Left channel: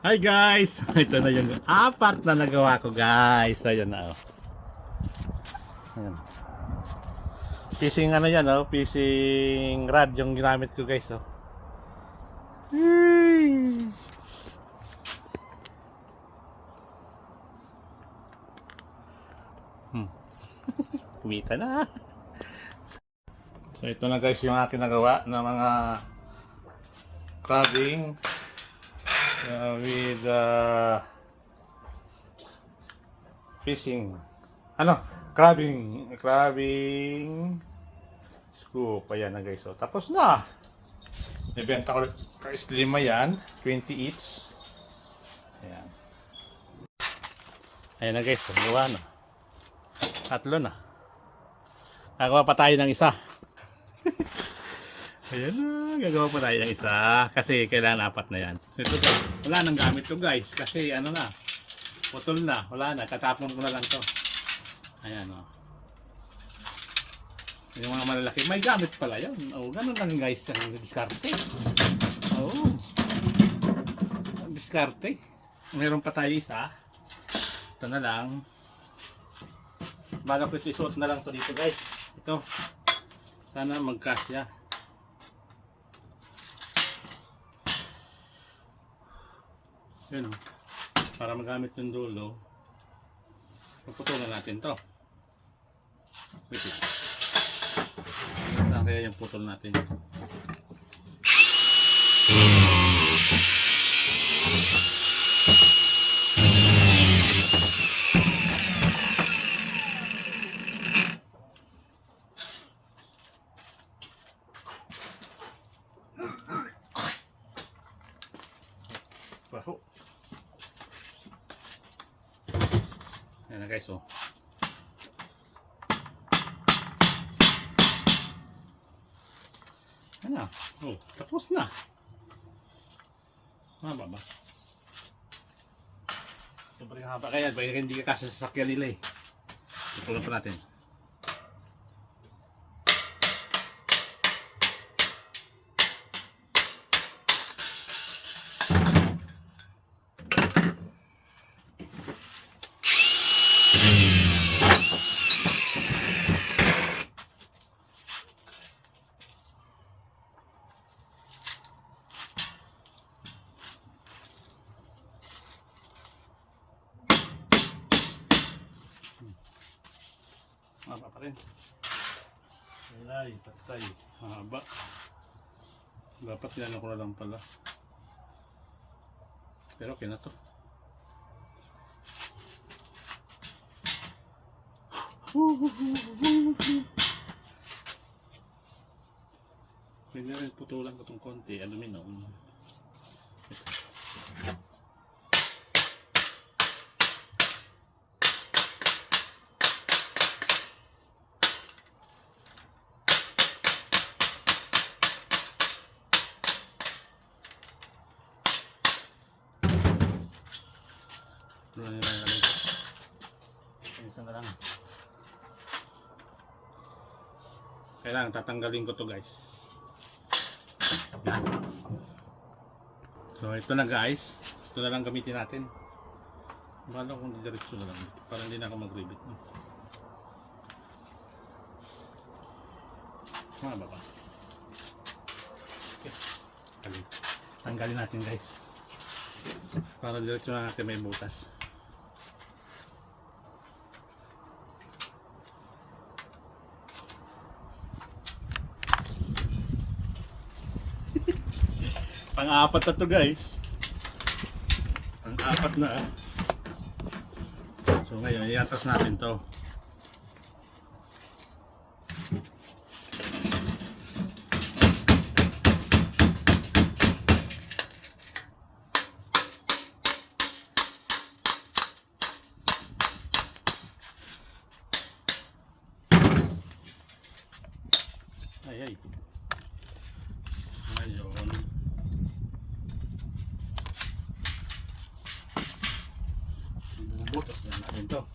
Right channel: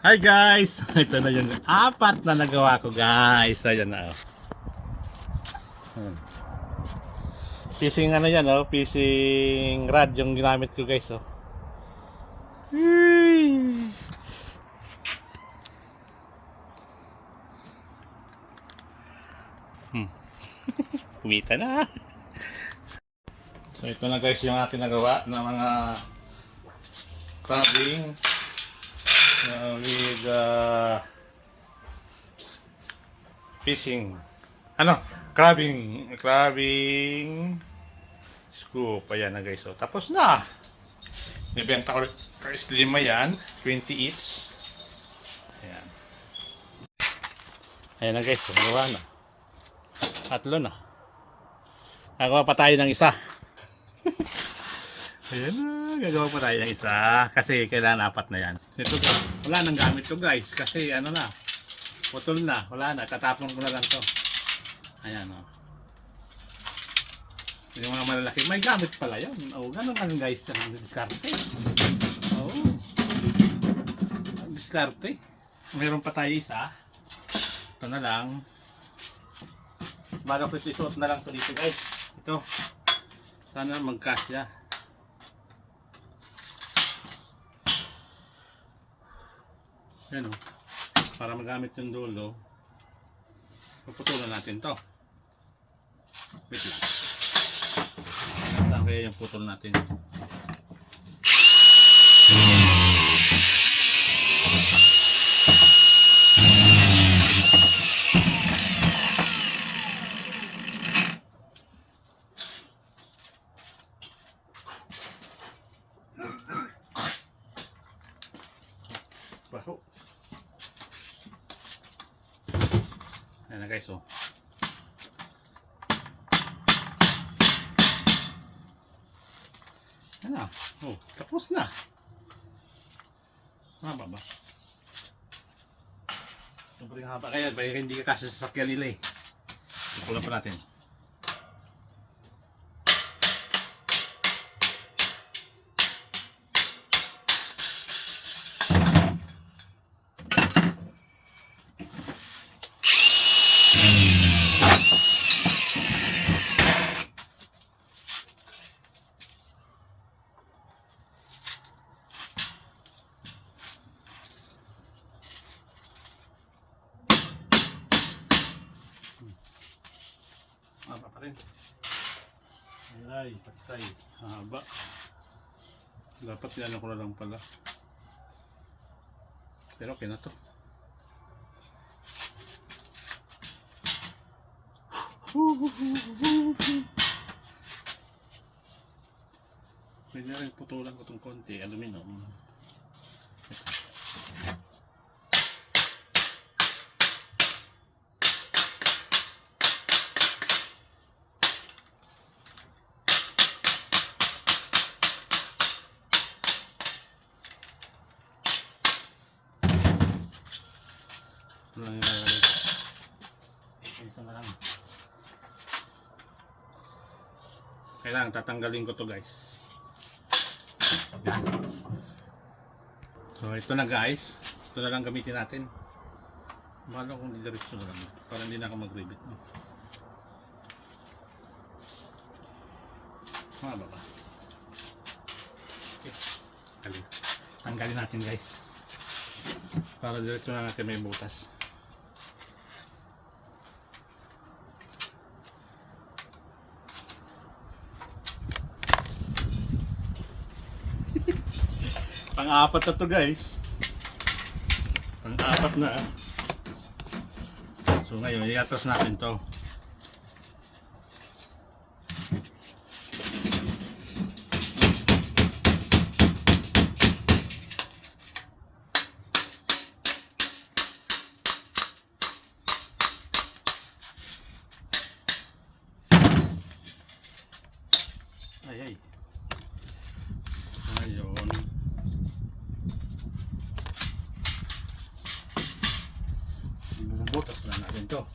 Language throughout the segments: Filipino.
Hi guys! Ito na yung apat na nagawa ko guys. Ayan na oh. Ayan. Fishing ano yan oh. Fishing rod yung ginamit ko guys oh. Kumita na. So ito na guys yung aking nagawa na mga crabbing with fishing crabbing scoop. Ayan na guys. So, tapos na. Nibenta ko guys 5 yan, 20 each. Ayan. Ayan na guys. Gawa na. 3 na. Nagawa pa tayo ng isa. Ayan na. Gagawa pa tayo ng isa. Kasi kailangan 4 na yan. Ito guys. Wala nang gamit to guys. Kasi ano na. Putol na. Wala na. Tatapon ko na lang to. Ayan o. Yung mga malalaki. May gamit pala yun. O, ganun lang guys. Ang diskarte. O. Diskarte. Meron pa tayo isa. Ito na lang. Bago ko isuot na lang to dito guys. Ito. Sana magkasya. Yan o. Para magamit yung dulo. Puputulan natin to. Wait lang. Saan kaya yung putol natin? Baho. Ayan na guys oh. Ayan na. Oh, tapos na. Haba ba? Sobrang haba kaya hindi ka kasi sasakyan nila eh. Ikulan pa natin. Haba pa rin. Ay, patay. Haba. Dapat yan ako na lang pala. Pero okay na to. Pwede rin putulan ko itong konti. Aluminum. Ito. Lang yung lalagay ko. Isa na lang. Kailangan tatanggalin ko to guys. Yan. So ito na guys. Ito na lang gamitin natin. Bahala kung didiretso na lang dito. Para hindi na ako mag-rivet no? Maba ba? Okay. Tanggalin natin guys. Para diretso na natin may butas. Pang-apat na to guys. Pang-apat na. So ngayon, iatas natin to. Ay. Ngayon. Butas na natin to.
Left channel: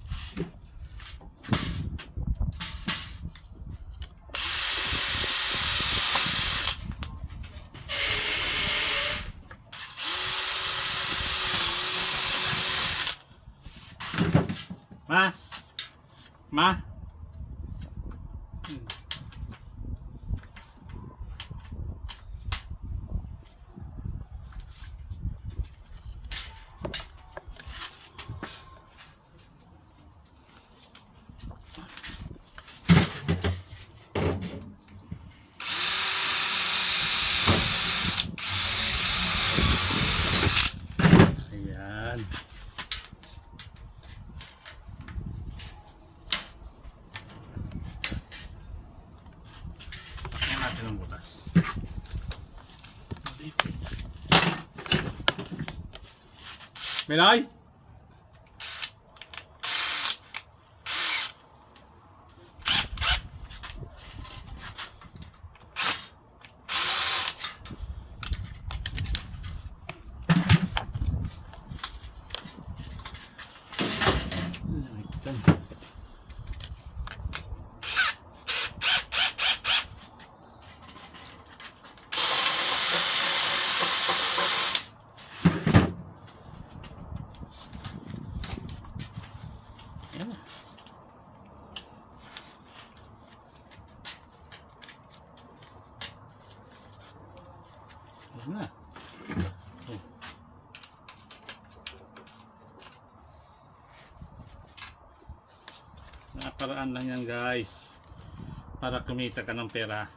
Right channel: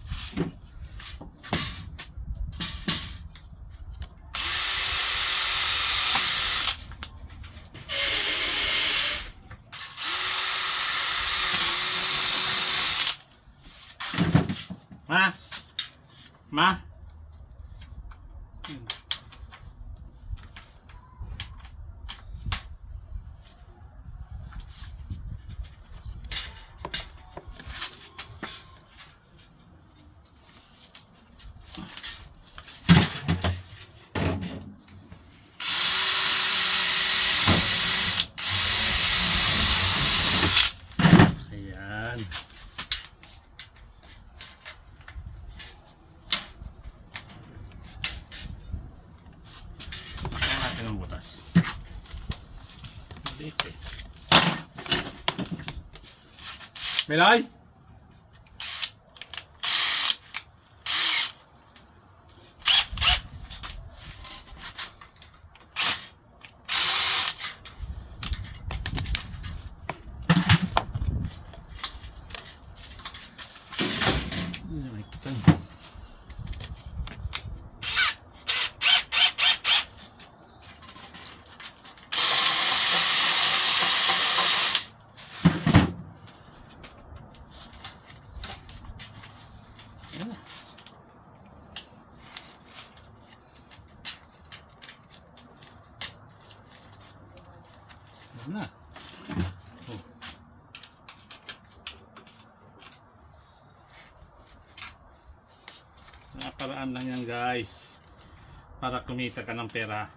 Ma? Ma? Hmm. Ayan. Pakyan natin ang butas. Dipit. Melay? Ayan na. Ayan na. Oh. Naparaan lang yan guys. Para kumita ka ng pera.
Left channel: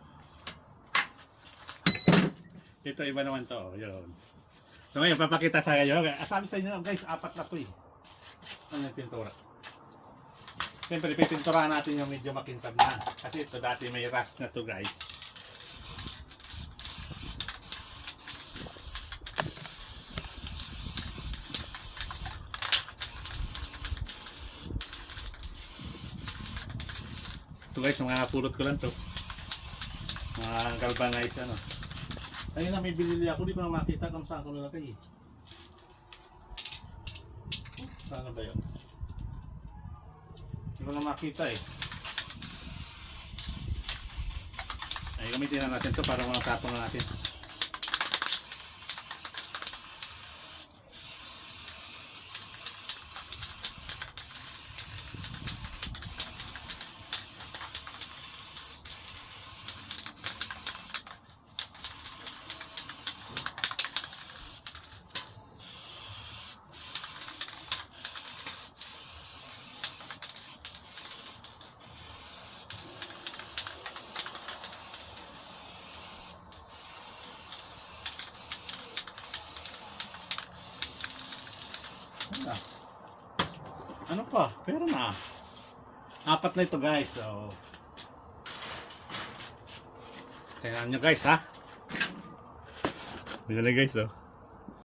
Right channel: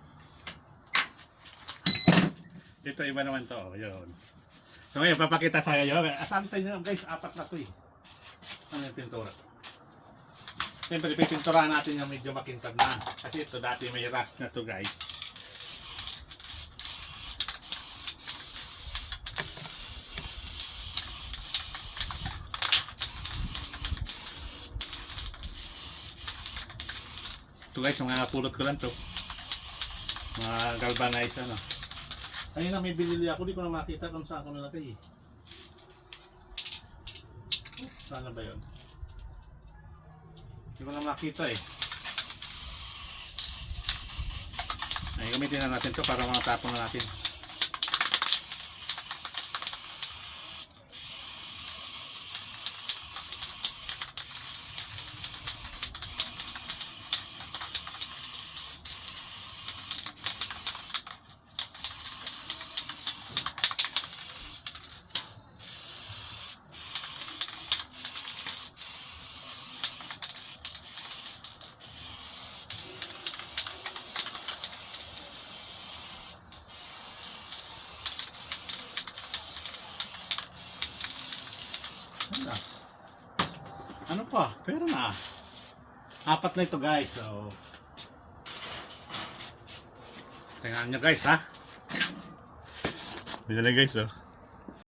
Ito iba naman to. Yun. So ngayon papakita sa kayo. Sabi sa inyo guys, 4 na to eh. Ano yung pintura? Siyempre pipinturahan natin yung medyo makintab na. Kasi ito dati may rust na to guys. Ito guys, mga pulot ko lang to. Mga galvanized ano. Ayun na may binili ako, di ko na makita kung saan ko nilagay eh. Saan na ba yun? Hindi ko na makita eh. Ay, gamitin na natin to para mga tapon na natin. Ano pa? Pero na. 4 na ito guys. So, tingnan nyo guys ha. Binala guys oh.